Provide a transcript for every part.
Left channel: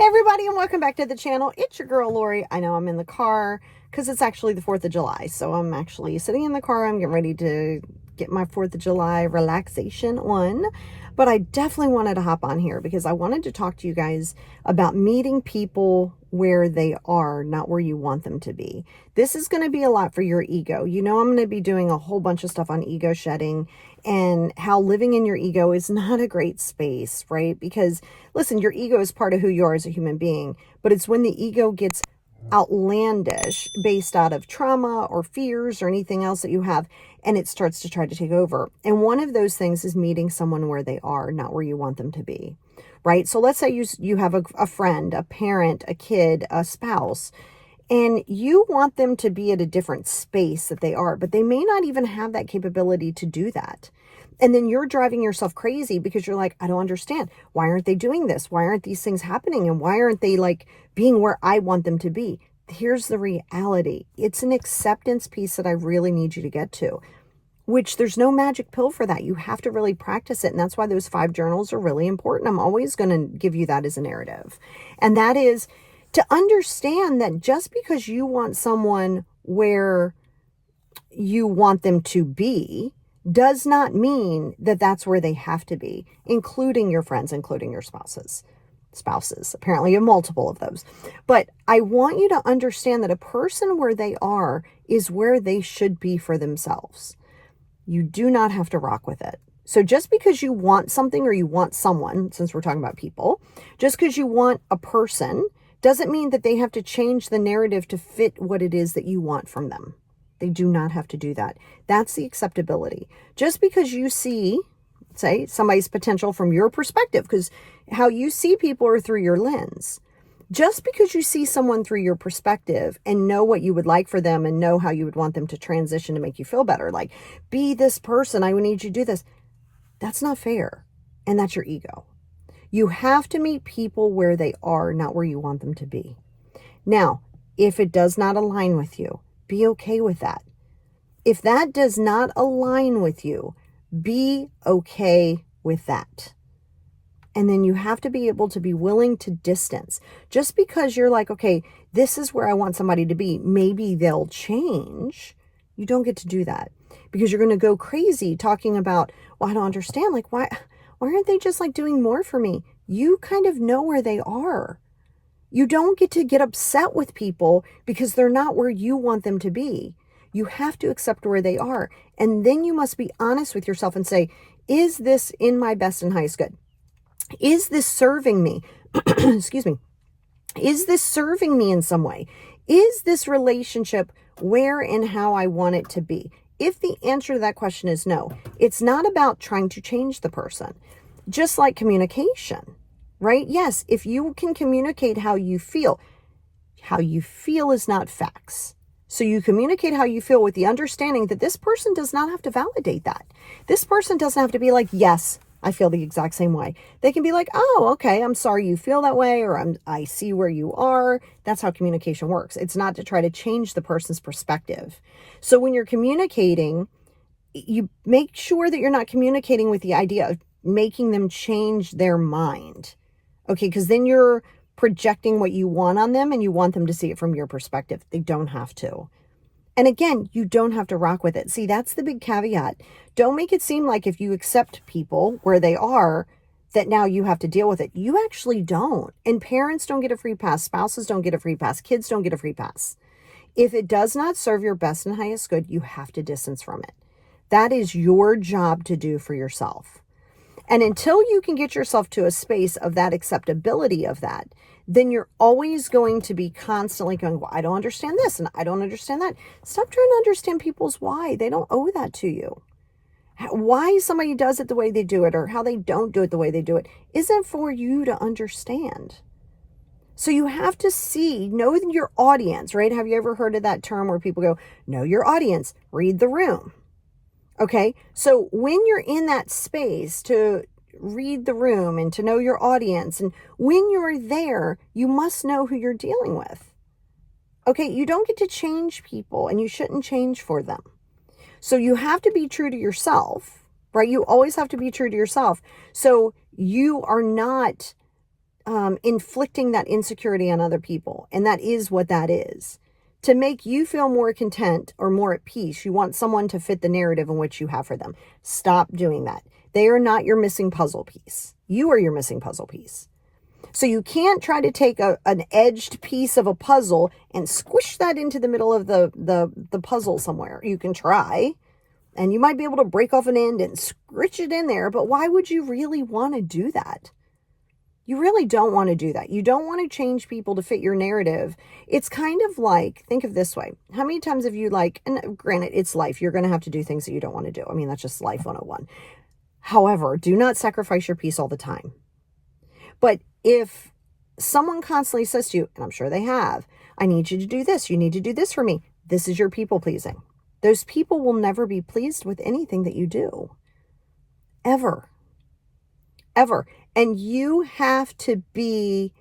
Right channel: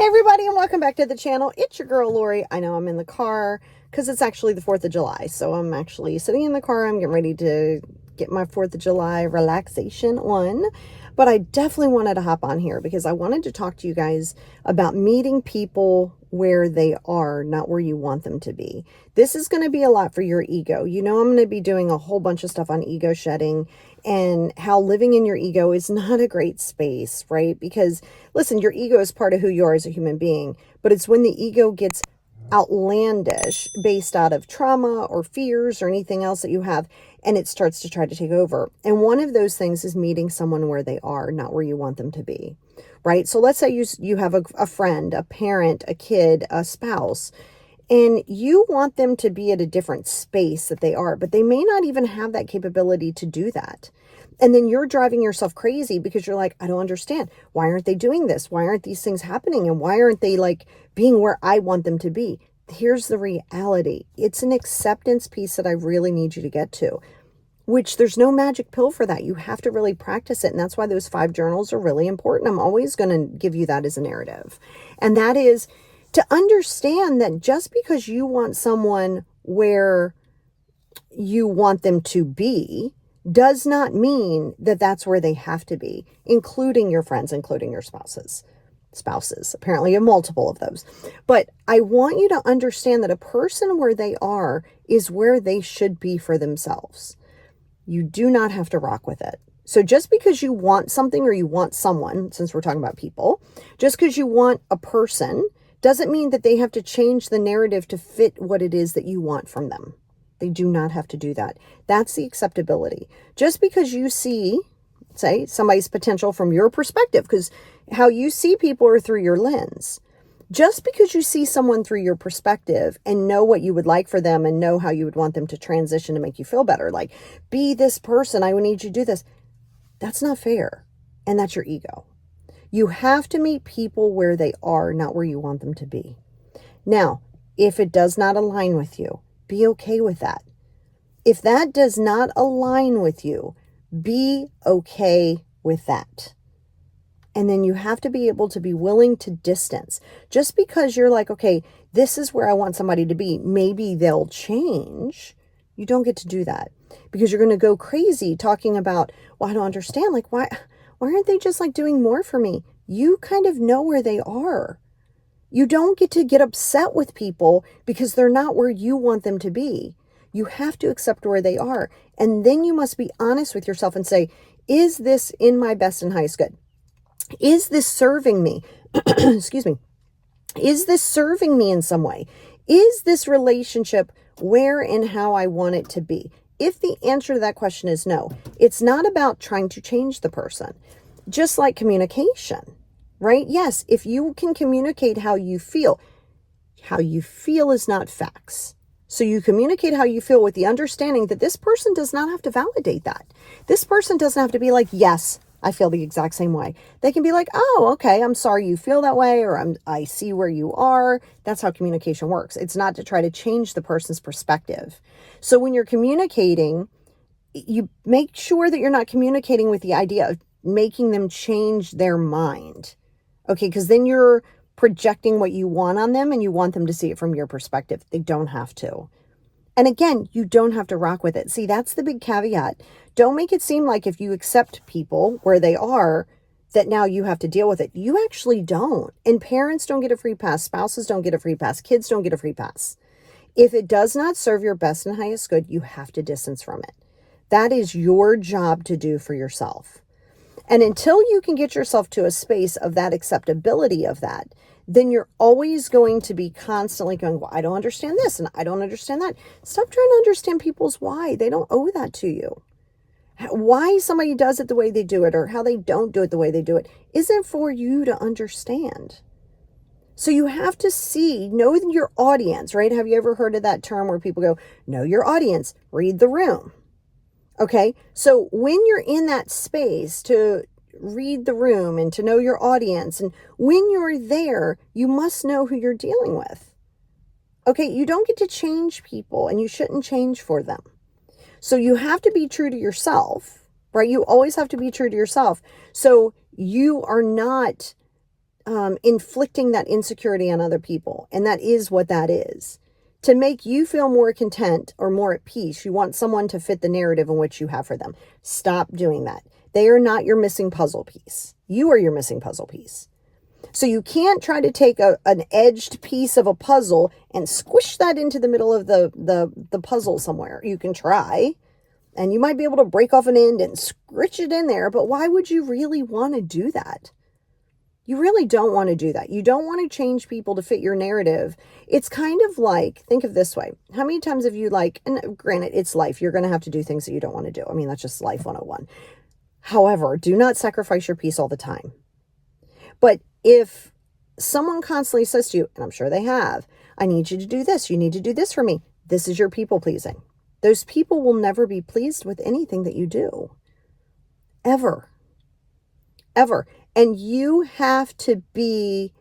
Hey everybody, and welcome back to the channel. It's your girl Lori. I know I'm in the car because it's actually the 4th of July. So I'm actually sitting in the car. I'm getting ready to get my 4th of July relaxation on. But I definitely wanted to hop on here because I wanted to talk to you guys about meeting people where they are, not where you want them to be. This is going to be a lot for your ego. You know, I'm going to be doing a whole bunch of stuff on ego shedding and how living in your ego is not a great space, right? Because listen, your ego is part of who you are as a human being, but it's when the ego gets outlandish based out of trauma or fears or anything else that you have, and it starts to try to take over. And one of those things is meeting someone where they are, not where you want them to be, right? So let's say you have a friend, a parent, a kid, a spouse, and you want them to be at a different space that they are, but they may not even have that capability to do that. And then you're driving yourself crazy because you're like, I don't understand. Why aren't they doing this? Why aren't these things happening? And why aren't they like being where I want them to be? Here's the reality. It's an acceptance piece that I really need you to get to, which there's no magic pill for that. You have to really practice it. And that's why those 5 journals are really important. I'm always going to give you that as a narrative. And that is to understand that just because you want someone where you want them to be does not mean that that's where they have to be, including your friends, including your spouses. Apparently you have multiple of those. But I want you to understand that a person where they are is where they should be for themselves. You do not have to rock with it. So just because you want something or you want someone, since we're talking about people, just because you want a person doesn't mean that they have to change the narrative to fit what it is that you want from them. They do not have to do that. That's the acceptability. Just because you see, say, somebody's potential from your perspective, because how you see people are through your lens. Just because you see someone through your perspective and know what you would like for them and know how you would want them to transition to make you feel better, like, be this person, I need you to do this. That's not fair. And that's your ego. You have to meet people where they are, not where you want them to be. Now, if it does not align with you, be okay with that. If that does not align with you, be okay with that. And then you have to be able to be willing to distance. Just because you're like, okay, this is where I want somebody to be, maybe they'll change. You don't get to do that because you're going to go crazy talking about, well, I don't understand. Like, why aren't they just like doing more for me? You kind of know where they are. You don't get upset with people because they're not where you want them to be. You have to accept where they are. And then you must be honest with yourself and say, is this in my best and highest good? Is this serving me? Excuse me. Is this serving me in some way? Is this relationship where and how I want it to be? If the answer to that question is no, it's not about trying to change the person. Just like communication, right? Yes, if you can communicate how you feel is not facts. So you communicate how you feel with the understanding that this person does not have to validate that. This person doesn't have to be like, yes, I feel the exact same way. They can be like, oh, okay, I'm sorry you feel that way, or I see where you are. That's how communication works. It's not to try to change the person's perspective. So when you're communicating, you make sure that you're not communicating with the idea of making them change their mind. Okay, because then you're projecting what you want on them and you want them to see it from your perspective. They don't have to. And again, you don't have to rock with it. See, that's the big caveat. Don't make it seem like if you accept people where they are, that now you have to deal with it. You actually don't. And parents don't get a free pass. Spouses don't get a free pass. Kids don't get a free pass. If it does not serve your best and highest good, you have to distance from it. That is your job to do for yourself. And until you can get yourself to a space of that acceptability of that, then you're always going to be constantly going, well, I don't understand this and I don't understand that. Stop trying to understand people's why. They don't owe that to you. Why somebody does it the way they do it or how they don't do it the way they do it isn't for you to understand. So you have to know your audience, right? Have you ever heard of that term where people go, know your audience, read the room? Okay, so when you're in that space to read the room and to know your audience, and when you're there, you must know who you're dealing with. Okay, you don't get to change people and you shouldn't change for them. So you have to be true to yourself, right? You always have to be true to yourself. So you are not inflicting that insecurity on other people. And that is what that is. To make you feel more content or more at peace, you want someone to fit the narrative in which you have for them. Stop doing that. They are not your missing puzzle piece. You are your missing puzzle piece. So you can't try to take an edged piece of a puzzle and squish that into the middle of the puzzle somewhere. You can try, and you might be able to break off an end and scritch it in there, but why would you really want to do that? You really don't want to do that. You don't want to change people to fit your narrative. It's kind of like, think of this way. How many times have you and granted, it's life. You're going to have to do things that you don't want to do. I mean, that's just life 101. However, do not sacrifice your peace all the time. But if someone constantly says to you, and I'm sure they have, I need you to do this. You need to do this for me. This is your people pleasing. Those people will never be pleased with anything that you do. Ever. Ever. And you have to be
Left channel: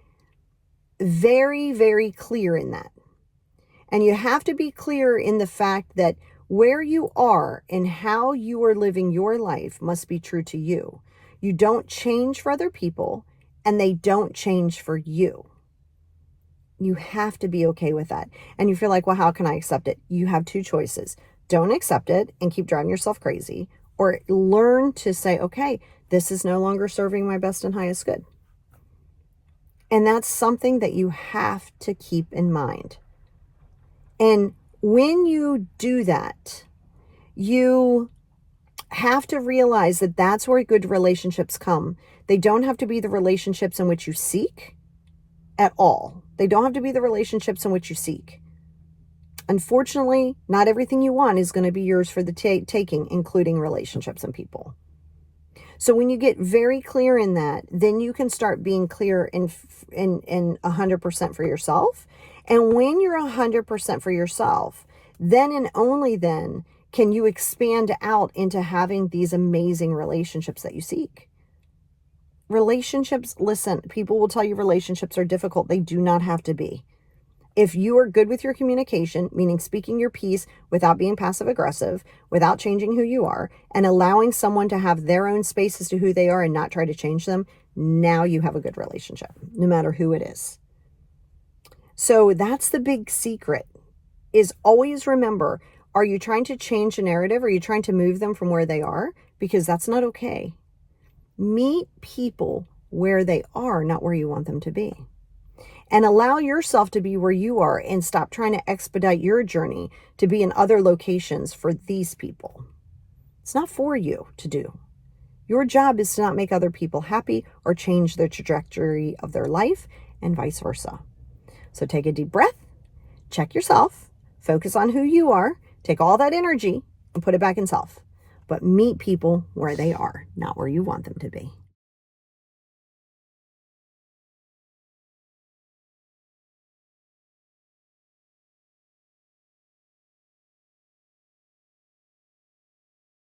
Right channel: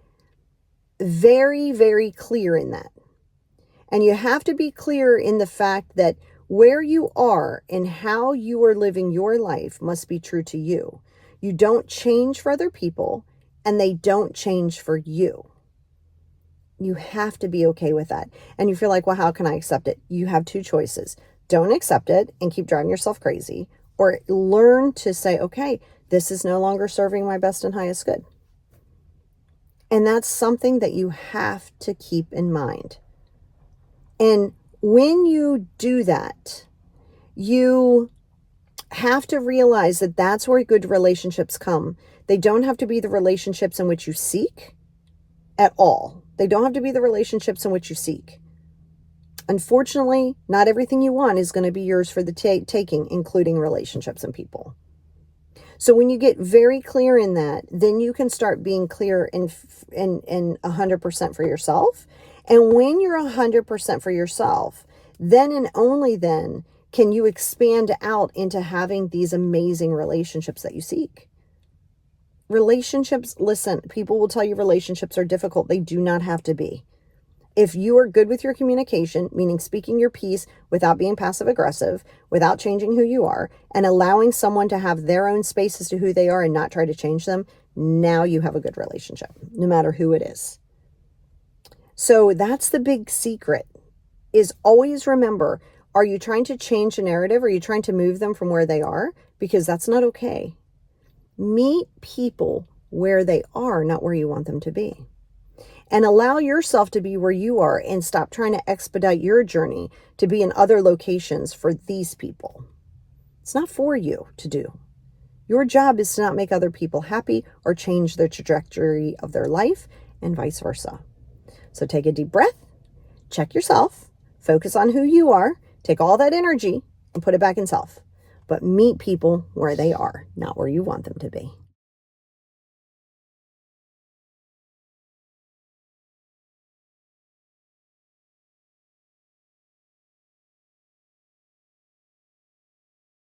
very, very clear in that. And you have to be clear in the fact that where you are and how you are living your life must be true to you. You don't change for other people, and they don't change for you. You have to be okay with that. And you feel like, well, how can I accept it? You have two choices. Don't accept it and keep driving yourself crazy, or learn to say, okay, this is no longer serving my best and highest good. And that's something that you have to keep in mind. And when you do that, you have to realize that that's where good relationships come. They don't have to be the relationships in which you seek at all. They don't have to be the relationships in which you seek. Unfortunately, not everything you want is going to be yours for the taking, including relationships and people. So when you get very clear in that, then you can start being clear in 100% for yourself. And when you're 100% for yourself, then and only then can you expand out into having these amazing relationships that you seek. Relationships, listen, people will tell you relationships are difficult. They do not have to be. If you are good with your communication, meaning speaking your piece without being passive aggressive, without changing who you are, and allowing someone to have their own space as to who they are and not try to change them, now you have a good relationship, no matter who it is. So that's the big secret, is always remember, are you trying to change the narrative? Are you trying to move them from where they are? Because that's not okay. Meet people where they are, not where you want them to be. And allow yourself to be where you are, and stop trying to expedite your journey to be in other locations for these people. It's not for you to do. Your job is to not make other people happy or change the trajectory of their life, and vice versa. So take a deep breath, check yourself, focus on who you are, take all that energy and put it back in self. But meet people where they are, not where you want them to be.